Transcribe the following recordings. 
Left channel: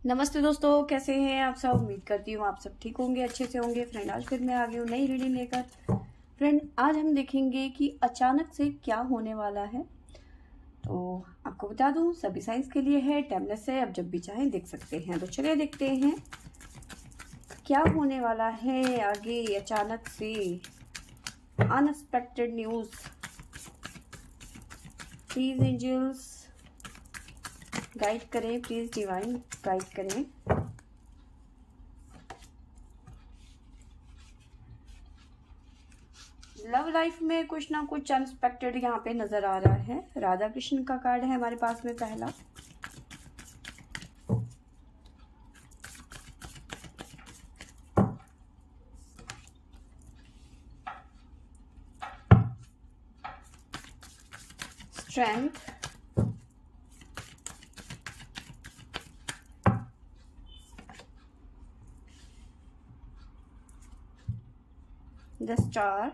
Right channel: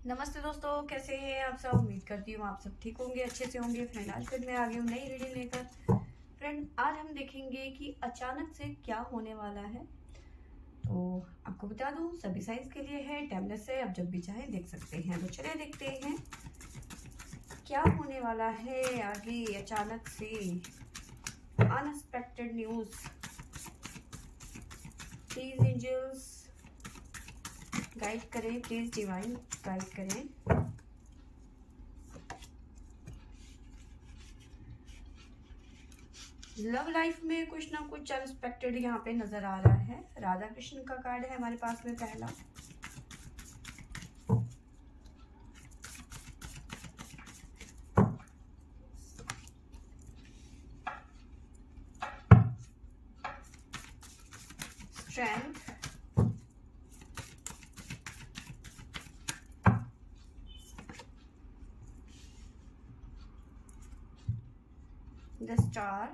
नमस्ते दोस्तों, कैसे हैं आप सब। उम्मीद करती हूँ आप सब ठीक होंगे, अच्छे से होंगे। फ्रेंड, आज फिर मैं आ गई हूँ नई रीडिंग लेकर। फ्रेंड, आज हम देखेंगे कि अचानक से क्या होने वाला है। तो आपको बता दूँ, सभी साइंस के लिए है, टाइमलेस है, आप जब भी चाहें देख सकते हैं। तो चलिए देखते हैं क्या होने वाला है आगे। अचानक से unexpected news. Please angels guide करें, प्लीज डिवाइन गाइड करें। लव लाइफ में कुछ ना कुछ अनएक्सपेक्टेड यहाँ पे नजर आ रहा है। राधा कृष्ण का कार्ड है हमारे पास में पहला। Strength, the star,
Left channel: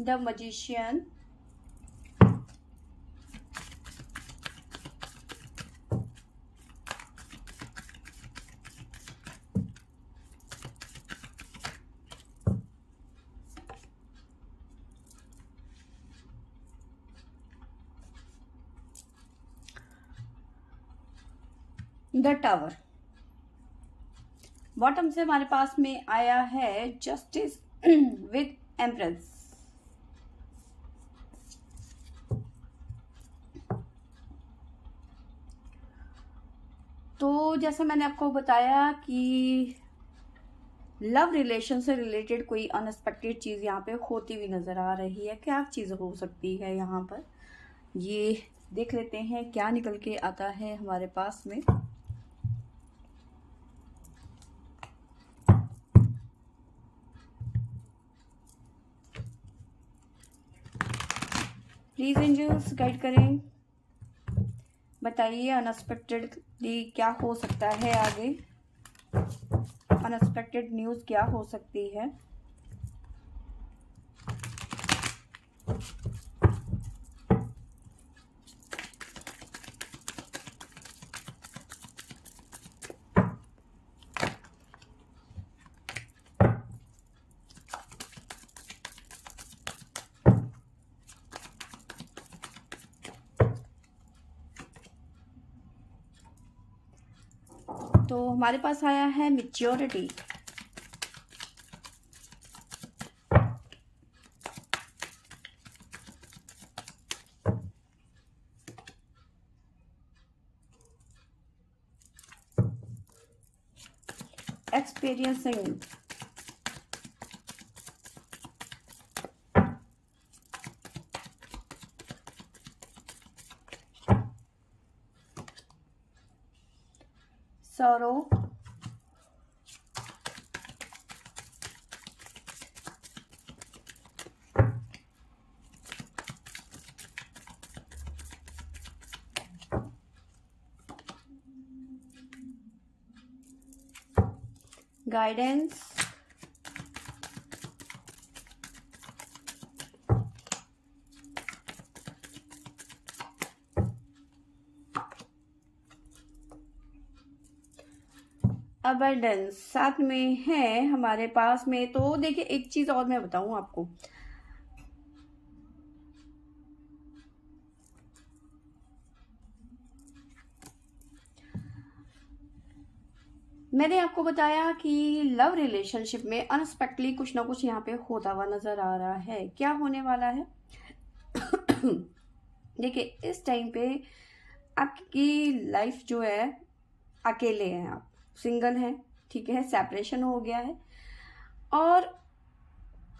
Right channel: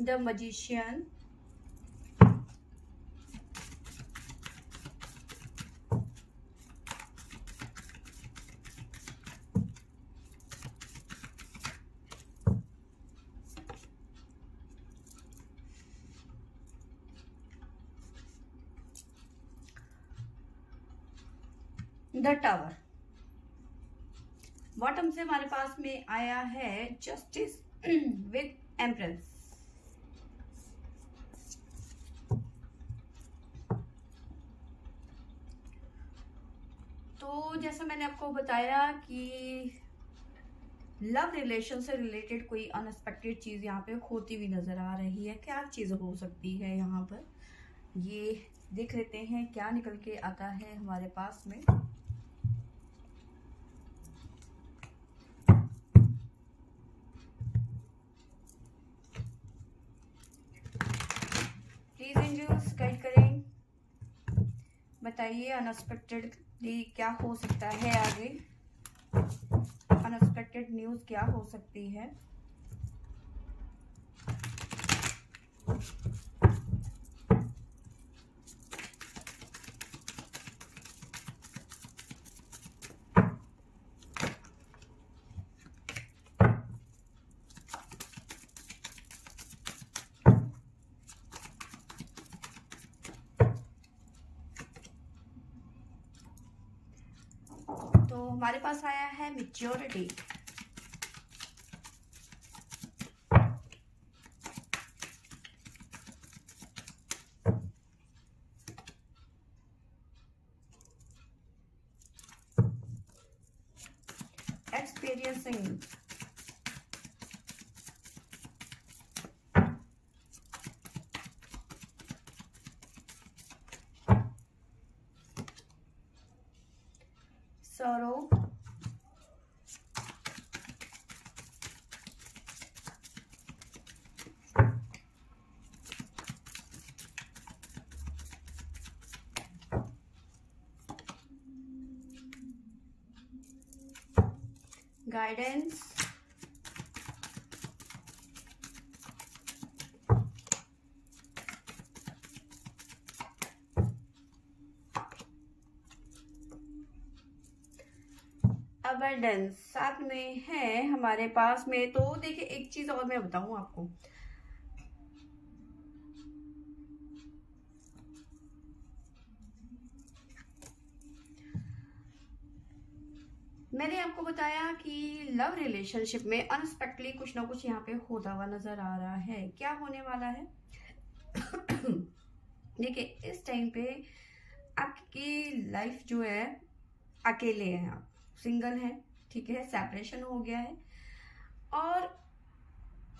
the magician, the tower. Bottom से हमारे पास में आया है जस्टिस विद एम्प्रेस। तो जैसे मैंने आपको बताया कि लव रिलेशन से रिलेटेड कोई अनएक्सपेक्टेड चीज यहाँ पे होती हुई नजर आ रही है। क्या चीज हो सकती है यहाँ पर, ये देख लेते हैं क्या निकल के आता है हमारे पास में। प्लीज एंजल्स गाइड करें, बताइए अनएक्सपेक्टेडली क्या हो सकता है आगे। अनएक्सपेक्टेड न्यूज क्या हो सकती है। तो हमारे पास आया है maturity, experiencing, sorrow, guidance, abundance साथ में है हमारे पास में। तो देखिए, एक चीज और मैं बताऊं आपको, मैंने आपको बताया कि लव रिलेशनशिप में अनएक्सपेक्टली कुछ ना कुछ यहाँ पे होता हुआ नजर आ रहा है। क्या होने वाला है देखिए, इस टाइम पे आपकी लाइफ जो है, अकेले हैं आप, सिंगल हैं, ठीक है, सेपरेशन हो गया है, और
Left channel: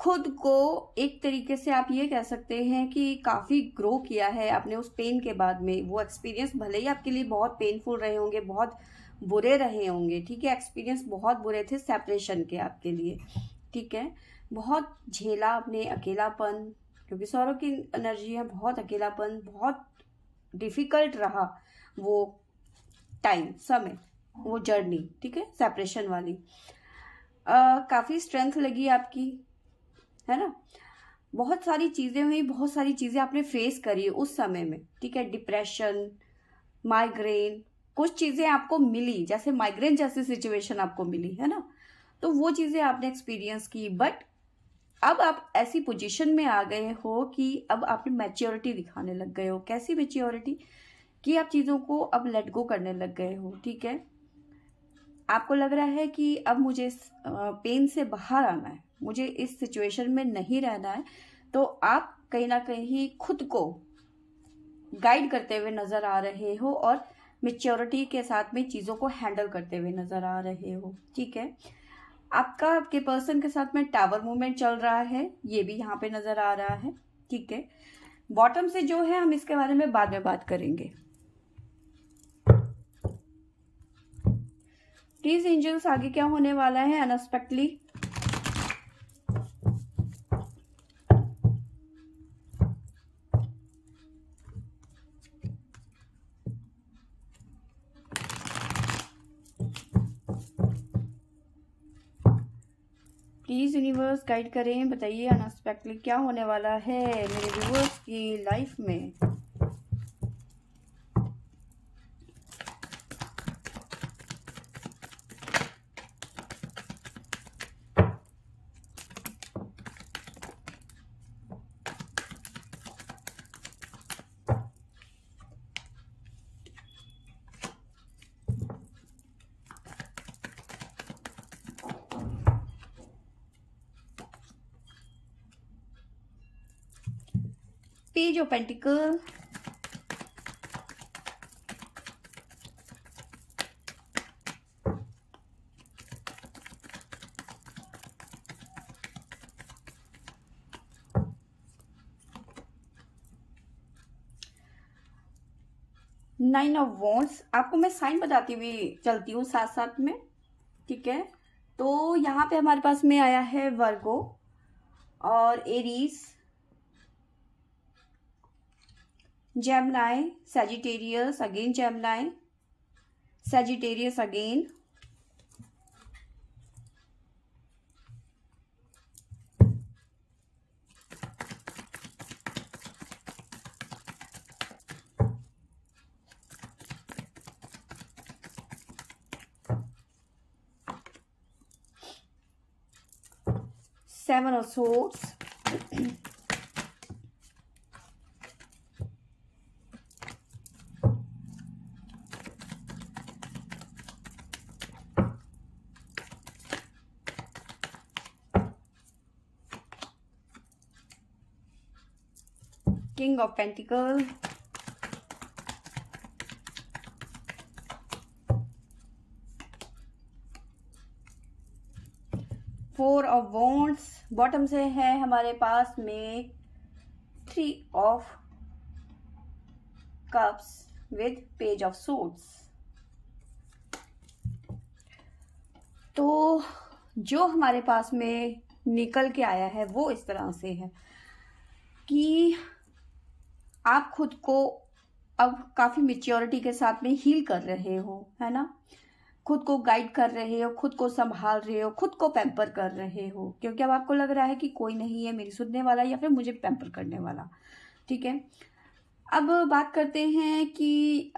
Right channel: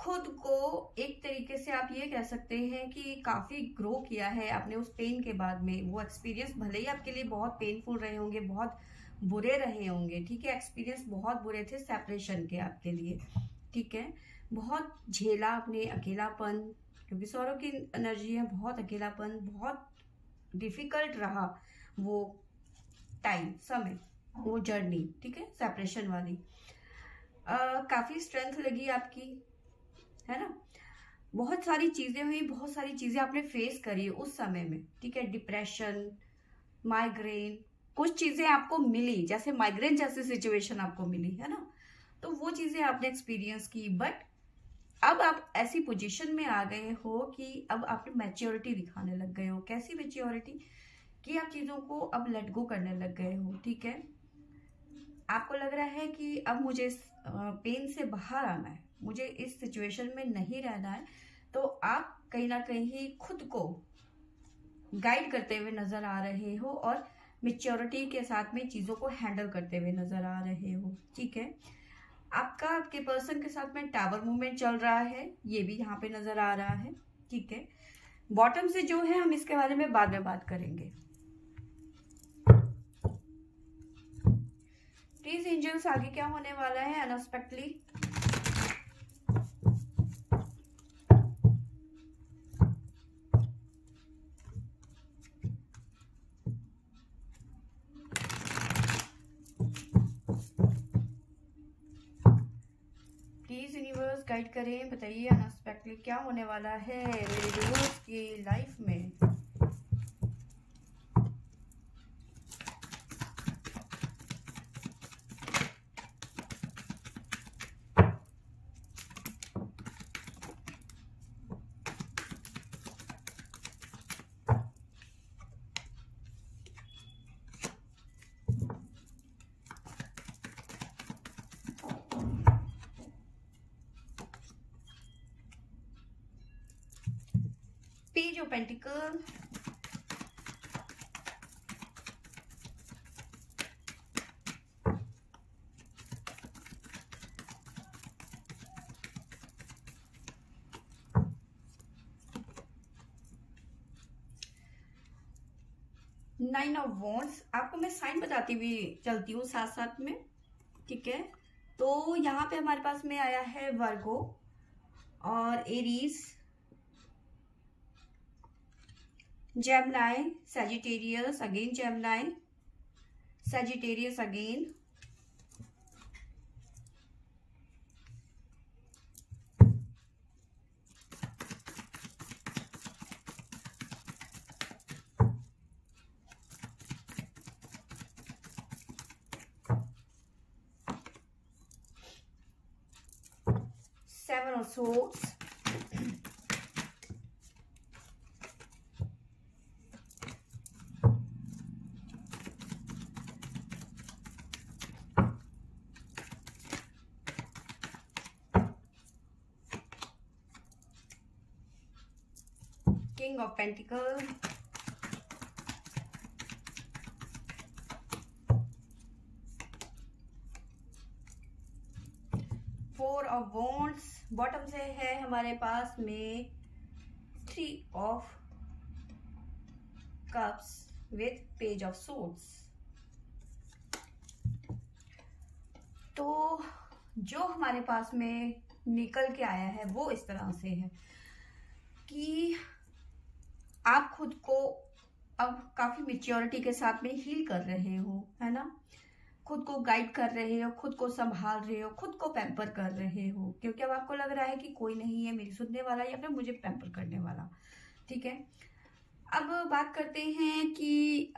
खुद को एक तरीके से आप ये कह सकते हैं कि काफी ग्रो किया है आपने उस पेन के बाद में। वो एक्सपीरियंस भले ही आपके लिए बहुत पेनफुल रहे होंगे, बहुत बुरे रहे होंगे, ठीक है, एक्सपीरियंस बहुत बुरे थे सेपरेशन के आपके लिए, ठीक है। बहुत झेला आपने अकेलापन, क्योंकि सौरव की एनर्जी है, बहुत अकेलापन, बहुत डिफिकल्ट रहा वो टाइम, समय, वो जर्नी, ठीक है, सेपरेशन वाली। काफी स्ट्रेंथ लगी आपकी, है ना। बहुत सारी चीजें हुई, बहुत सारी चीजें आपने फेस करी उस समय में, ठीक है। डिप्रेशन, माइग्रेन, कुछ चीजें आपको मिली, जैसे माइग्रेन जैसी सिचुएशन आपको मिली, है ना। तो वो चीजें आपने एक्सपीरियंस की, बट अब आप ऐसी पोजीशन में आ गए हो कि अब आपने मैच्योरिटी दिखाने लग गए हो। कैसी मैच्योरिटी? कि आप चीजों को अब लेट गो करने लग गए हो, ठीक है। आपको लग रहा है कि अब मुझे इस पेन से बाहर आना है, मुझे इस सिचुएशन में नहीं रहना है। तो आप कहीं ना कहीं खुद को गाइड करते हुए नजर आ रहे हो और मेच्योरिटी के साथ में चीजों को हैंडल करते हुए नजर आ रहे हो, ठीक है। आपके पर्सन के साथ में टावर मूवमेंट चल रहा है, ये भी यहाँ पे नजर आ रहा है, ठीक है। बॉटम से जो है हम इसके बारे में बाद में बात करेंगे। प्लीज एंजल्स, आगे क्या होने वाला है अनएक्सपेक्टली? प्लीज यूनिवर्स गाइड करें, बताइए अनएक्सपेक्टली क्या होने वाला है मेरे व्यूअर्स की लाइफ में। Page of pentacle, nine of wands. आपको मैं साइन बताती हुई चलती हूँ साथ साथ में, ठीक है। तो यहाँ पे हमारे पास में आया है वर्गो और Aries, Gemini, Sagittarius, again Gemini, Sagittarius again, seven of swords, king of pentacle, four of wands. Bottom से है हमारे पास में three of cups with page of swords. तो जो हमारे पास में निकल के आया है वो इस तरह से है कि आप खुद को अब काफी मेच्योरिटी के साथ में हील कर रहे हो, है ना। खुद को गाइड कर रहे हो, खुद को संभाल रहे हो, खुद को पैम्पर कर रहे हो, क्योंकि अब आपको लग रहा है कि कोई नहीं है मेरी सुनने वाला या फिर मुझे पैम्पर करने वाला, ठीक है। अब बात करते हैं कि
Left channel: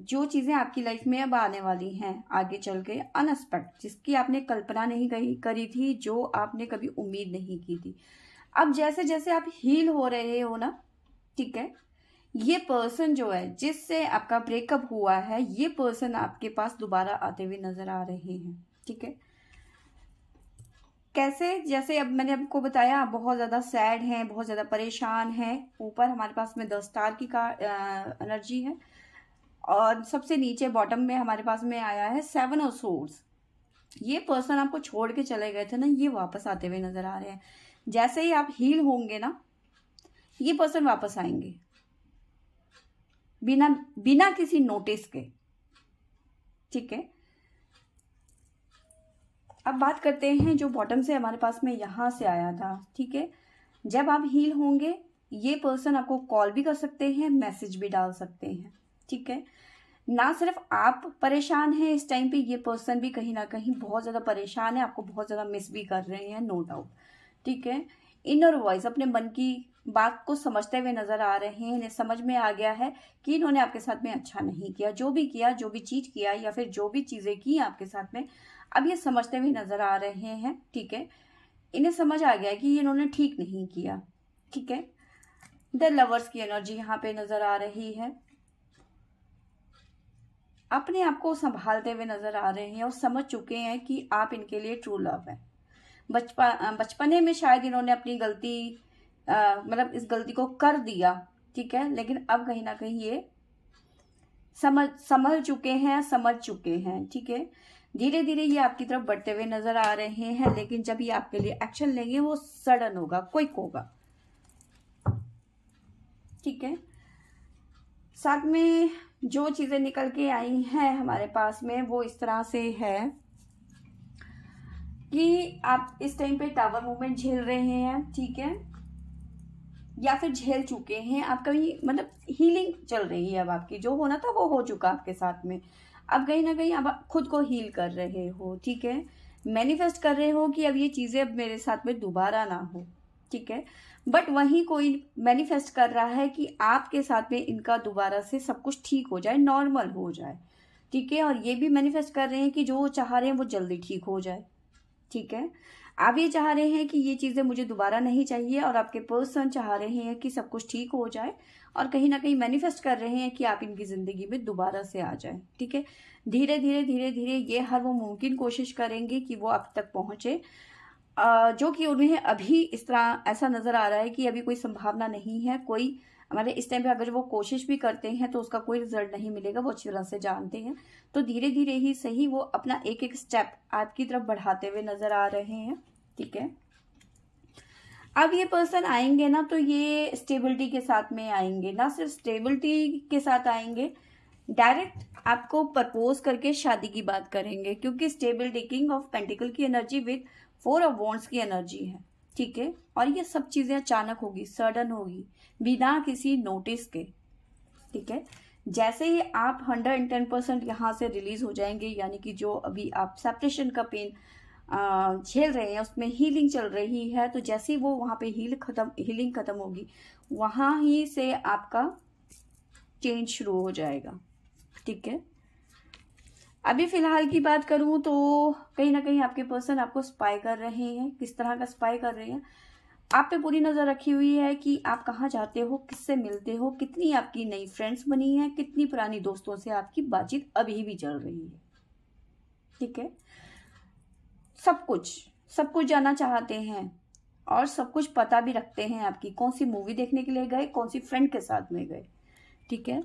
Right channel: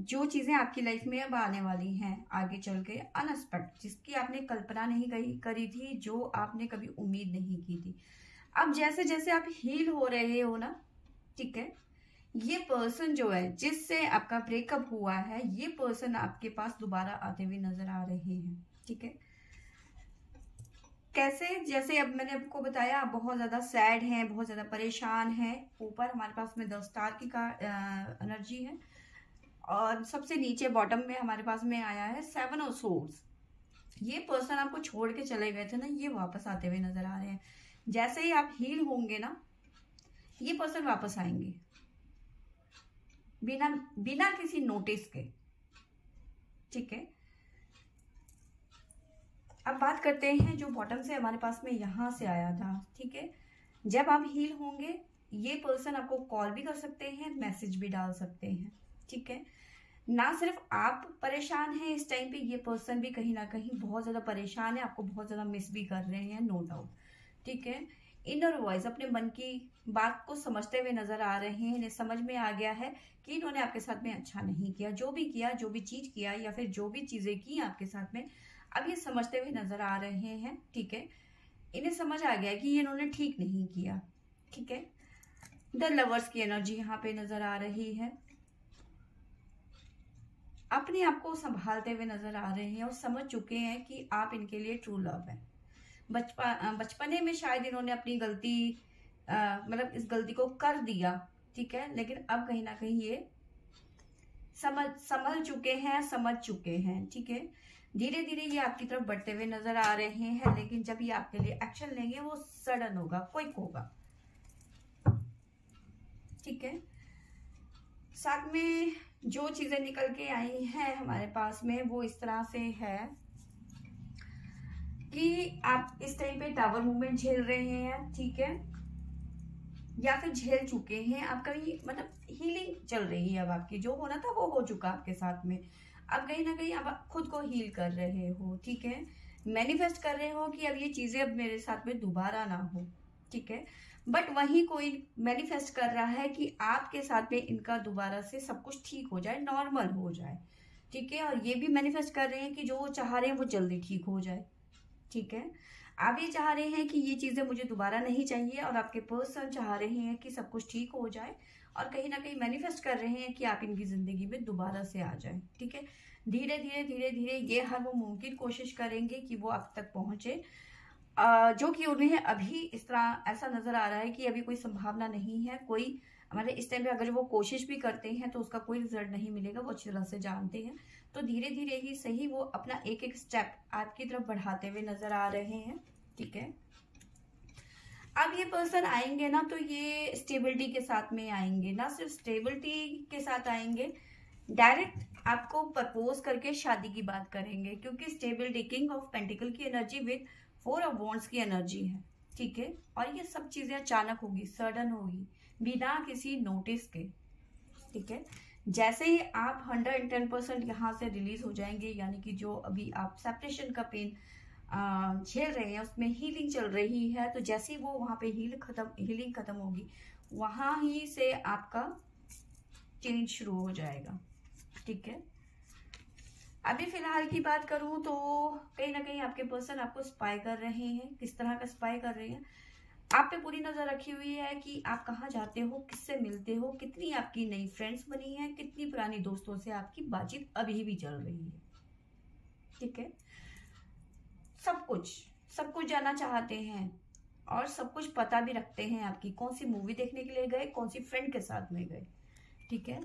जो चीजें आपकी लाइफ में अब आने वाली हैं आगे चल के, अनएक्सपेक्टेड, जिसकी आपने कल्पना नहीं करी थी, जो आपने कभी उम्मीद नहीं की थी। अब जैसे जैसे आप हील हो रहे हो ना, ठीक है, ये पर्सन जो है जिससे आपका ब्रेकअप हुआ है, ये पर्सन आपके पास दोबारा आते हुए नजर आ रहे हैं, ठीक है। कैसे? जैसे अब मैंने आपको बताया, आप बहुत ज्यादा सैड हैं, बहुत ज्यादा परेशान हैं। ऊपर हमारे पास में 10 स्टार की एनर्जी है और सबसे नीचे बॉटम में हमारे पास में आया है 7 ऑफ सोर्ड्स। ये पर्सन आपको छोड़ के चले गए थे ना, ये वापस आते हुए नजर आ रहे हैं। जैसे ही आप हील होंगे ना, ये पर्सन वापस आएंगे बिना किसी नोटिस के, ठीक है। अब बात करते हैं जो बॉटम से हमारे पास में यहां से आया था, ठीक है। जब आप हील होंगे, ये पर्सन आपको कॉल भी कर सकते हैं, मैसेज भी डाल सकते हैं, ठीक है। ना सिर्फ आप परेशान हैं इस टाइम पे, ये पर्सन भी कहीं ना कहीं बहुत ज्यादा परेशान है, आपको बहुत ज्यादा मिस भी कर रहे हैं, नो डाउट। ठीक है, इनर वॉइस अपने मन की बात को समझते हुए नजर आ रहे हैं। इन्हें समझ में आ गया है कि इन्होंने आपके साथ में अच्छा नहीं किया, जो भी किया, जो भी चीज किया, या फिर जो भी चीजें की आपके साथ में, अब ये समझते हुए नजर आ रहे हैं। ठीक है, इन्हें समझ आ गया है कि इन्होंने ठीक नहीं किया। ठीक है, द लवर्स की एनर्जी यहाँ पे नजर आ रही है। अपने आप को संभालते हुए नजर आ रहे हैं और समझ चुके हैं कि आप इनके लिए ट्रू लव है। बचपने में शायद इन्होंने अपनी गलती मतलब इस गलती को कर दिया। ठीक है, लेकिन अब कहीं ना कहीं ये समझ चुके हैं, समझ चुके हैं। ठीक है, धीरे धीरे ये आपकी तरफ बढ़ते हुए नजर आ रहे हैं, लेकिन जब ये आपके लिए एक्शन लेंगे वो सडन होगा, क्विक होगा। ठीक है, साथ में जो चीजें निकल के आई हैं हमारे पास में वो इस तरह से है कि आप इस टाइम पे टावर मूवमेंट झेल रहे हैं। ठीक है, या फिर झेल चुके हैं आप कहीं, मतलब हीलिंग चल रही है अब आपकी, जो होना था वो हो चुका आपके साथ में। अब कहीं ना कहीं आप खुद को हील कर रहे हो। ठीक है, मैनिफेस्ट कर रहे हो कि अब ये चीजें अब मेरे साथ में दोबारा ना हो। ठीक है, बट वहीं कोई मैनिफेस्ट कर रहा है कि आपके साथ में इनका दोबारा से सब कुछ ठीक हो जाए, नॉर्मल हो जाए। ठीक है, और ये भी मैनिफेस्ट कर रहे हैं कि जो चाह रहे हैं वो जल्दी ठीक हो जाए। ठीक है, आप ये चाह रहे हैं कि ये चीजें मुझे दोबारा नहीं चाहिए, और आपके पर्सन चाह रहे हैं कि सब कुछ ठीक हो जाए, और कहीं ना कहीं मैनिफेस्ट कर रहे हैं कि आप इनकी जिंदगी में दोबारा से आ जाए। ठीक है, धीरे धीरे धीरे धीरे ये हर वो मुमकिन कोशिश करेंगे कि वो आप तक पहुंचे, जो कि उन्हें अभी इस तरह ऐसा नजर आ रहा है कि अभी कोई संभावना नहीं है। कोई हमारे इस टाइम पे अगर वो कोशिश भी करते हैं तो उसका कोई रिजल्ट नहीं मिलेगा, वो अच्छी तरह से जानते हैं। तो धीरे धीरे ही सही वो अपना एक एक स्टेप आपकी तरफ बढ़ाते हुए नजर आ रहे हैं। ठीक है, अब ये पर्सन आएंगे ना तो ये स्टेबिलिटी के साथ में आएंगे, ना सिर्फ स्टेबिलिटी के साथ आएंगे, डायरेक्ट आपको प्रपोज करके शादी की बात करेंगे, क्योंकि स्टेबिलिटी किंग ऑफ पेंटिकल की एनर्जी विद 4 ऑफ वॉन्ड्स की एनर्जी है। ठीक है, और ये सब चीजें अचानक होगी, सडन होगी, बिना किसी नोटिस के। ठीक है, जैसे ही आप 110% यहाँ से रिलीज हो जाएंगे, यानी कि जो अभी आप सेपरेशन का पेन झेल रहे हैं उसमें हीलिंग चल रही है, तो जैसे ही वो वहां पे हीलिंग खत्म होगी, वहां ही से आपका चेंज शुरू हो जाएगा। ठीक है, अभी फिलहाल की बात करूं तो कहीं ना कहीं आपके पर्सन आपको स्पाई कर रहे हैं। किस तरह का स्पाई कर रहे हैं, आप पे पूरी नजर रखी हुई है कि आप कहाँ जाते हो, किससे मिलते हो, कितनी आपकी नई फ्रेंड्स बनी है, कितनी पुरानी दोस्तों से आपकी बातचीत अभी भी चल रही है। ठीक है, सब कुछ जानना चाहते हैं, और सब कुछ पता भी रखते हैं आपकी, कौन सी मूवी देखने के लिए गए, कौन सी फ्रेंड के साथ में गए। ठीक है,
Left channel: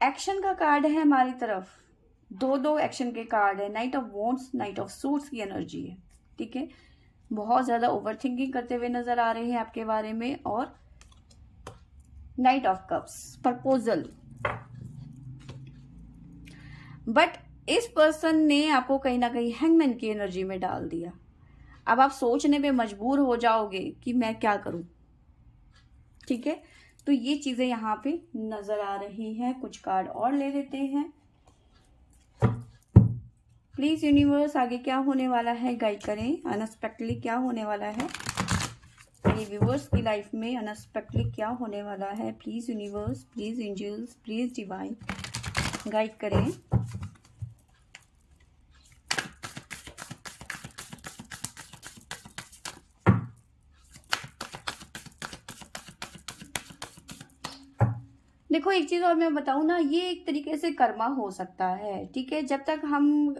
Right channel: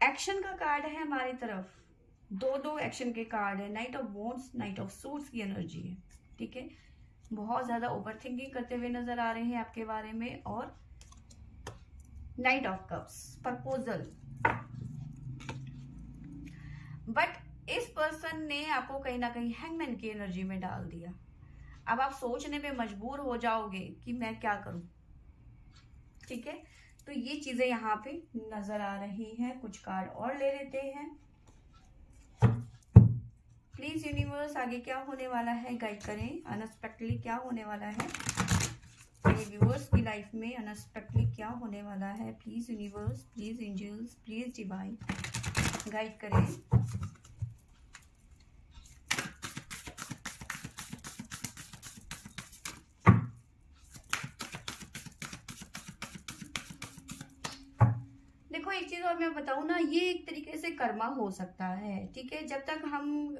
एक्शन का कार्ड है हमारी तरफ, दो एक्शन के कार्ड है, night of wands, night of suits की एनर्जी है। ठीक है, बहुत ज्यादा ओवर थिंकिंग करते हुए नजर आ रहे हैं आपके बारे में, और night of cups, proposal. But इस पर्सन ने आपको कहीं ना कहीं हैंगमैन की एनर्जी में डाल दिया। अब आप सोचने पे मजबूर हो जाओगे कि मैं क्या करूं। ठीक है, तो ये चीजें यहाँ पे नजर आ रही हैं। कुछ कार्ड और ले लेते हैं। प्लीज यूनिवर्स, आगे क्या होने वाला है गाइड करें, अनएक्सपेक्टेडली क्या होने वाला है मेरे व्यूवर्स की लाइफ में, अनएक्सपेक्टेडली क्या होने वाला है। Please universe, please angels, please divine guide करें। देखो एक चीज और मैं बताऊं ना, ये एक तरीके से कर्मा हो सकता है। ठीक है, जब तक हम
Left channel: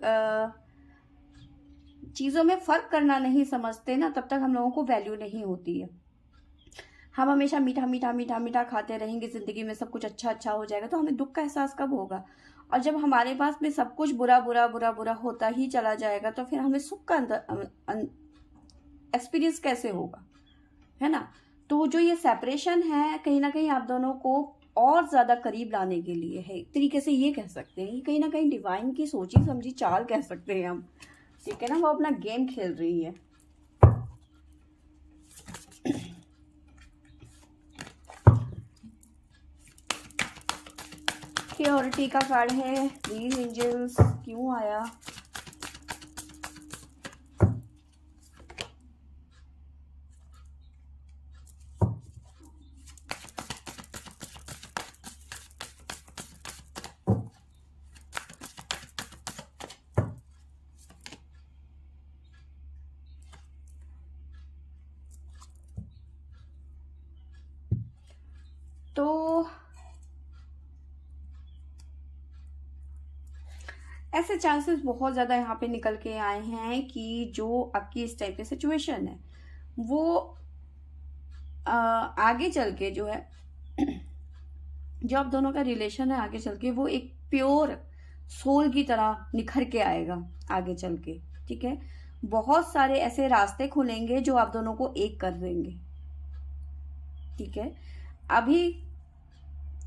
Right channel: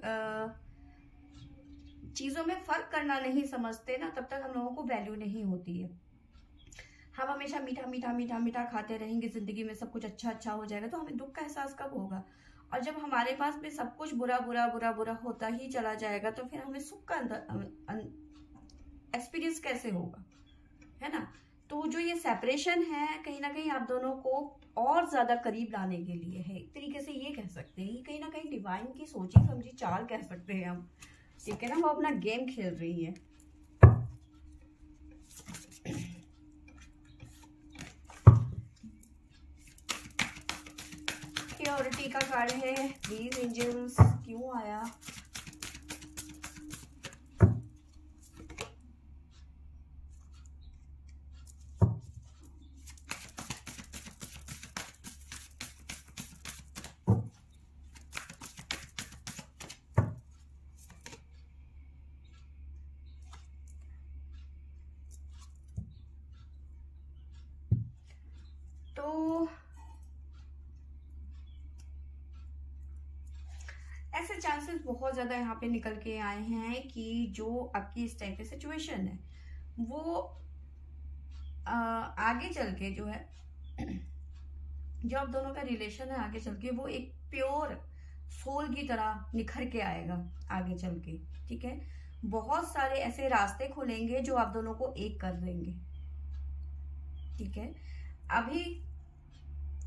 चीजों में फर्क करना नहीं समझते ना, तब तक हम लोगों को वैल्यू नहीं होती है। हम हमेशा मीठा मीठा मीठा मीठा खाते रहेंगे, जिंदगी में सब कुछ अच्छा अच्छा हो जाएगा, तो हमें दुख का एहसास कब होगा। और जब हमारे पास में सब कुछ बुरा बुरा बुरा बुरा होता ही चला जाएगा, तो फिर हमें सुख का एक्सपीरियंस कैसे होगा, है ना। तो जो ये सेपरेशन है, कहीं ना कहीं आप दोनों को और ज्यादा करीब लाने के लिए है, एक तरीके से ये कह सकते हैं, कहीं ना कहीं डिवाइन की सोची समझी चाल कह सकते हैं हम। ठीक है ना, वो अपना गेम खेल रही है। मेच्योरिटी का कार्ड है। प्लीज एंजल्स, क्यों आया? तो ऐसे चांसेस बहुत ज़्यादा यहाँ पे निकल के आए हैं कि जो आपकी इस टाइप की सिचुएशन है वो आगे चल के जो है जो आप दोनों का रिलेशन है आगे चल के वो एक प्योर सोल की तरह निखर के आएगा आगे चल के। ठीक है, बहुत सारे ऐसे रास्ते खुलेंगे जो आप दोनों को एक कर देंगे। ठीक है, अभी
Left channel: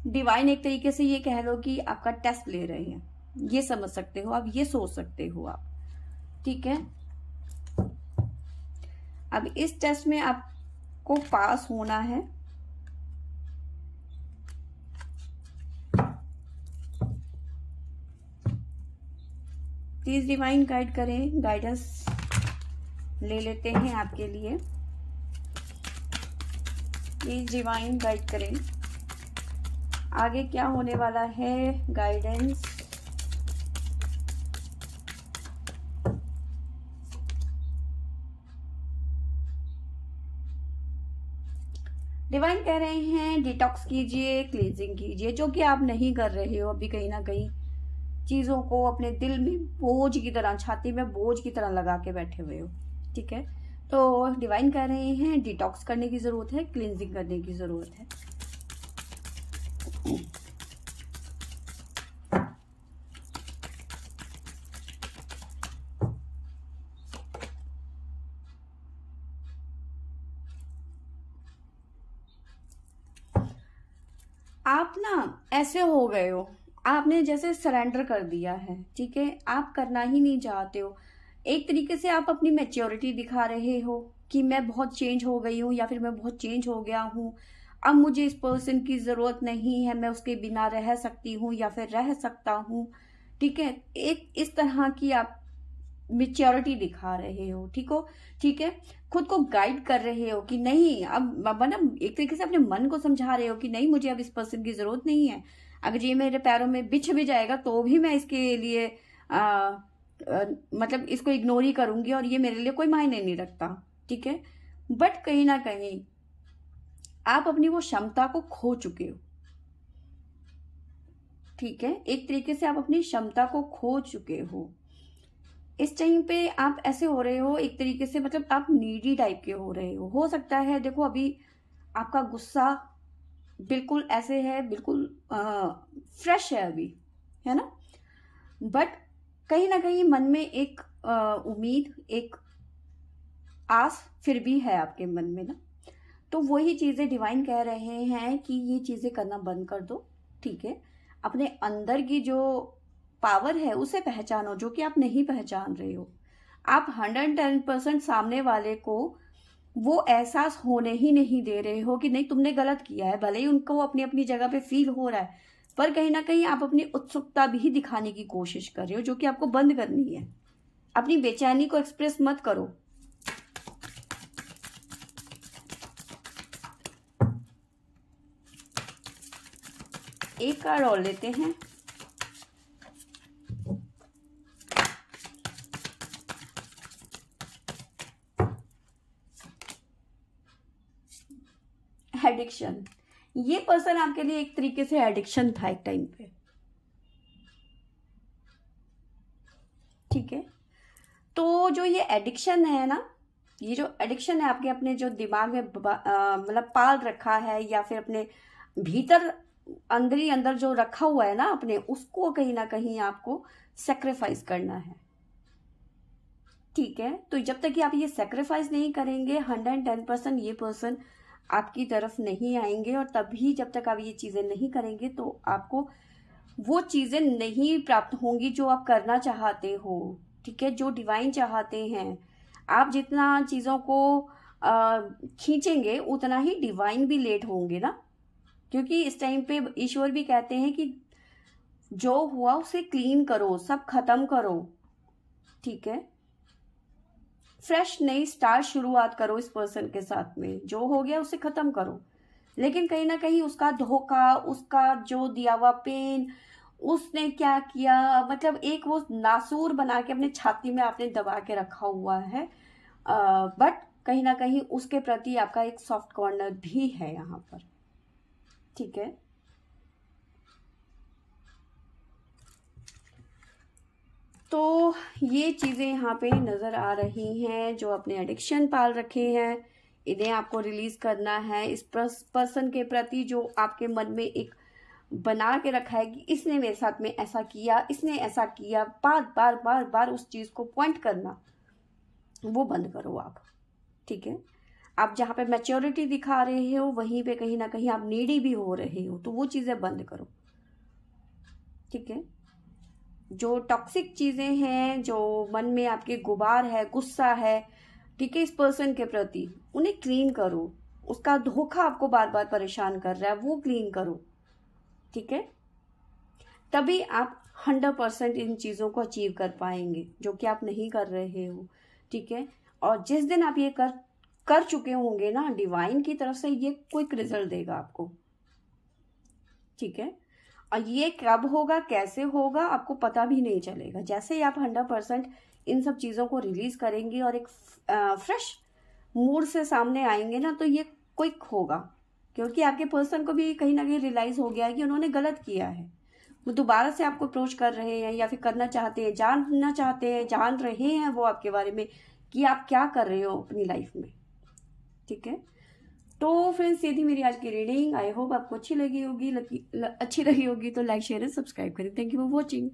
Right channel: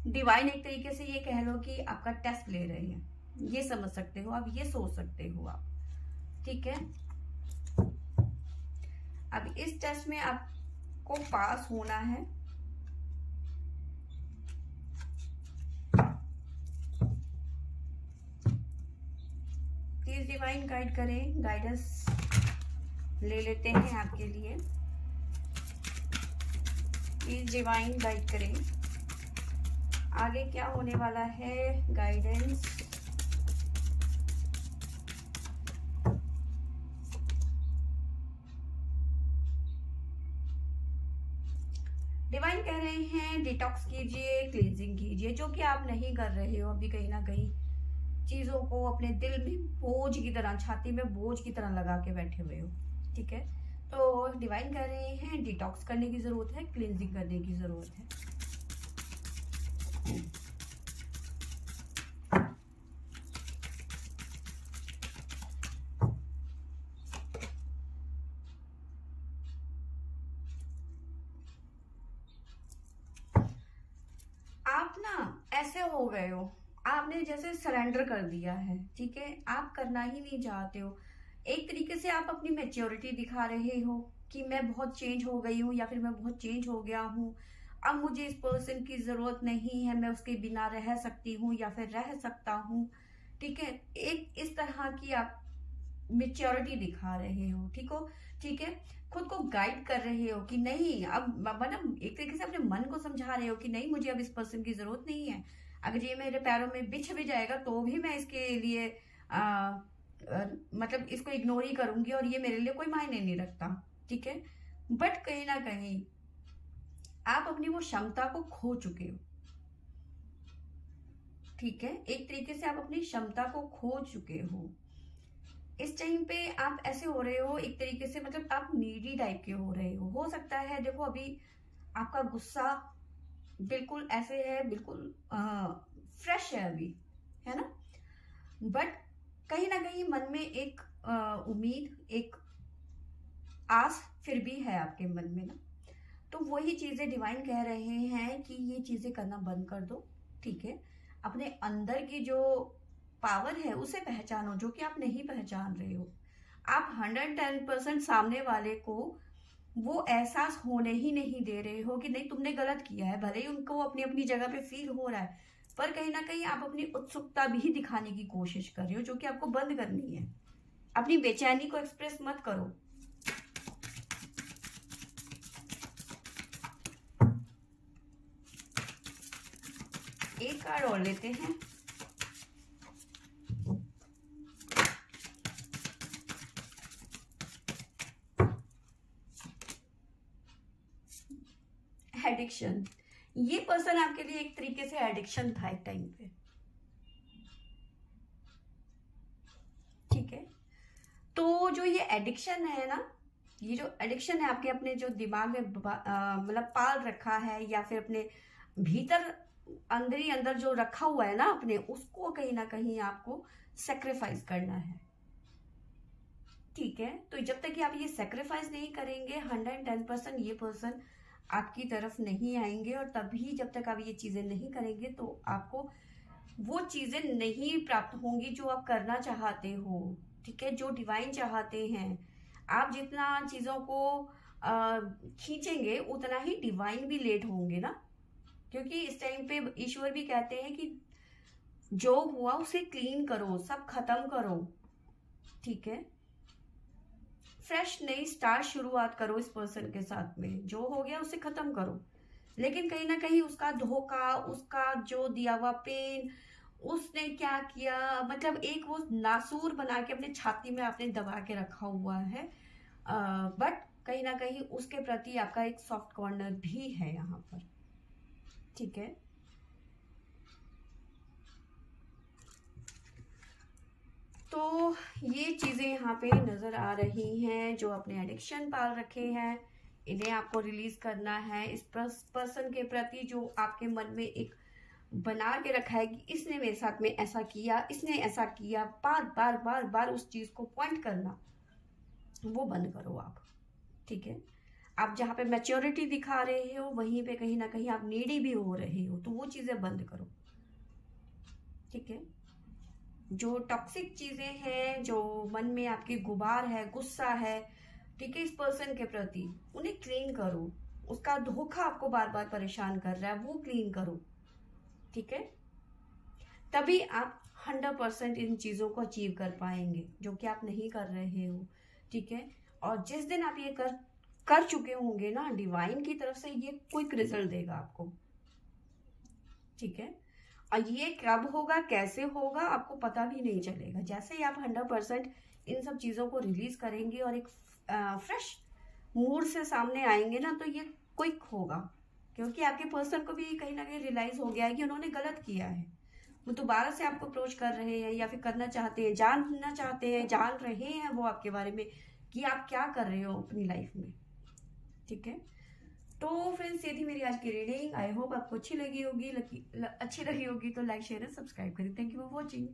डिवाइन एक तरीके से ये कह लो कि आपका टेस्ट ले रहे हैं, ये समझ सकते हो आप, ये सोच सकते हो आप। ठीक है, अब इस टेस्ट में आपको पास होना है। प्लीज डिवाइन गाइड करें, गाइडेंस ले लेते हैं आपके लिए। प्लीज डिवाइन गाइड करें, आगे क्या होने वाला है, गाइडेंस। डिवाइन कह रहे हैं डिटॉक्स कीजिए, क्लींजिंग कीजिए, जो कि आप नहीं कर रहे हो अभी। कहीं ना कहीं चीजों को अपने दिल में बोझ की तरह, छाती में बोझ की तरह लगा के बैठे हुए हो। ठीक है, तो डिवाइन कह रहे हैं डिटॉक्स करने की जरूरत है, क्लींजिंग करने की जरूरत है। आप ना ऐसे हो गए हो, आपने जैसे सरेंडर कर दिया है। ठीक है, आप करना ही नहीं चाहते हो। एक तरीके से आप अपनी मैच्योरिटी दिखा रहे हो कि मैं बहुत चेंज हो गई हूँ या फिर मैं बहुत चेंज हो गया हूँ, अब मुझे इस पर्सन की जरूरत नहीं है, मैं उसके बिना रह सकती हूँ या फिर रह सकता हूँ। ठीक है, एक इस तरह की आप मेच्योरिटी दिखा रहे हो। ठीक है, खुद को गाइड कर रहे हो कि नहीं, अब मतलब एक तरीके से अपने मन को समझा रहे हो कि नहीं, मुझे अब इस पर्सन की जरूरत नहीं है। अगर ये मेरे पैरों में बिछ भी जाएगा तो भी मैं इसके लिए मतलब इसको इग्नोर ही करूंगी और ये मेरे लिए कोई मायने नहीं रखता। ठीक है, बट कहीं ना कहीं आप अपनी वो क्षमता को खो चुके हो। ठीक है, एक तरीके से आप अपनी क्षमता को खो चुके हो। इस टाइम पे आप ऐसे हो रहे हो एक तरीके से, मतलब आप नीडी टाइप के हो रहे हो सकता है। देखो अभी आपका गुस्सा बिल्कुल ऐसे है, बिल्कुल फ्रेश है अभी, है ना, बट कहीं ना कहीं मन में एक उम्मीद, एक आस फिर भी है आपके मन में ना। तो वही चीजें डिवाइन कह रहे हैं कि ये चीजें करना बंद कर दो। ठीक है, अपने अंदर की जो पावर है उसे पहचानो जो कि आप नहीं पहचान रहे हो। आप 110% सामने वाले को वो एहसास होने ही नहीं दे रहे हो कि नहीं तुमने गलत किया है। भले ही उनको अपनी अपनी जगह पे फील हो रहा है, पर कहीं ना कहीं आप अपनी उत्सुकता भी दिखाने की कोशिश कर रहे हो, जो कि आपको बंद करनी है। अपनी बेचैनी को एक्सप्रेस मत करो। एक कार्ड और लेते हैं। एडिक्शन, ये पर्सन आपके लिए एक तरीके से एडिक्शन था एक टाइम पे। ठीक है, तो जो ये एडिक्शन है ना, ये जो एडिक्शन है आपके अपने जो दिमाग में मतलब पाल रखा है या फिर अपने भीतर अंदर ही अंदर जो रखा हुआ है ना अपने, उसको कहीं ना कहीं आपको सेक्रीफाइस करना है। ठीक है, तो जब तक कि आप ये सेक्रीफाइस नहीं करेंगे 110% ये पर्सन आपकी तरफ नहीं आएंगे। और तभी जब तक आप ये चीजें नहीं करेंगे तो आपको वो चीजें नहीं प्राप्त होंगी जो आप करना चाहते हो। ठीक है, जो डिवाइन चाहते हैं। आप जितना चीजों को खींचेंगे उतना ही डिवाइन भी लेट होंगे ना, क्योंकि इस टाइम पे ईश्वर भी कहते हैं कि जो हुआ उसे क्लीन करो, सब खत्म करो, ठीक है। फ्रेश नई स्टार्ट शुरुआत करो इस पर्सन के साथ में, जो हो गया उसे खत्म करो। लेकिन कहीं ना कहीं उसका धोखा, उसका जो दिया हुआ पेन, उसने क्या किया, मतलब एक वो नासूर बना के अपने छाती में आपने दबा के रखा हुआ है, बट कहीं ना कहीं उसके प्रति आपका एक सॉफ्ट कॉर्नर भी है यहाँ पर, ठीक है। तो ये चीजें यहाँ पे नजर आ रही हैं। जो अपने एडिक्शन पाल रखे हैं, इन्हें आपको रिलीज करना है। इस पर्सन के प्रति जो आपके मन में एक बना के रखा है कि इसने मेरे साथ में ऐसा किया, इसने ऐसा किया, बार बार बार बार उस चीज को पॉइंट करना, वो बंद करो आप, ठीक है। आप जहाँ पे मैच्योरिटी दिखा रहे हो वहीं पे कहीं ना कहीं आप नीडी भी हो रहे हो, तो वो चीजें बंद करो, ठीक है। जो टॉक्सिक चीजें हैं, जो मन में आपके गुबार है, गुस्सा है, ठीक है, इस पर्सन के प्रति, उन्हें क्लीन करो। उसका धोखा आपको बार बार परेशान कर रहा है, वो क्लीन करो, ठीक है। तभी आप 100% इन चीजों को अचीव कर पाएंगे, जो कि आप नहीं कर रहे हो, ठीक है। और जिस दिन आप ये कर चुके होंगे ना, डिवाइन की तरफ से ये क्विक रिजल्ट देगा आपको, ठीक है। और ये कब होगा, कैसे होगा, आपको पता भी नहीं चलेगा। जैसे ही आप 100% इन सब चीजों को रिलीज करेंगे और एक फ्रेश मूड से सामने आएंगे ना, तो ये क्विक होगा, क्योंकि आपके पर्सन को भी कहीं ना कहीं रियलाइज हो गया है कि उन्होंने गलत किया है। वो दोबारा से आपको अप्रोच कर रहे हैं, या फिर करना चाहते हैं, जानना चाहते हैं, जान रहे हैं वो आपके बारे में कि आप क्या कर रहे हो अपनी लाइफ में, ठीक है। तो फ्रेंड्स, ये थी मेरी आज की रीडिंग। आई होप आपको अच्छी लगी होगी तो लाइक शेयर एंड सब्सक्राइब करें। Thank you for watching.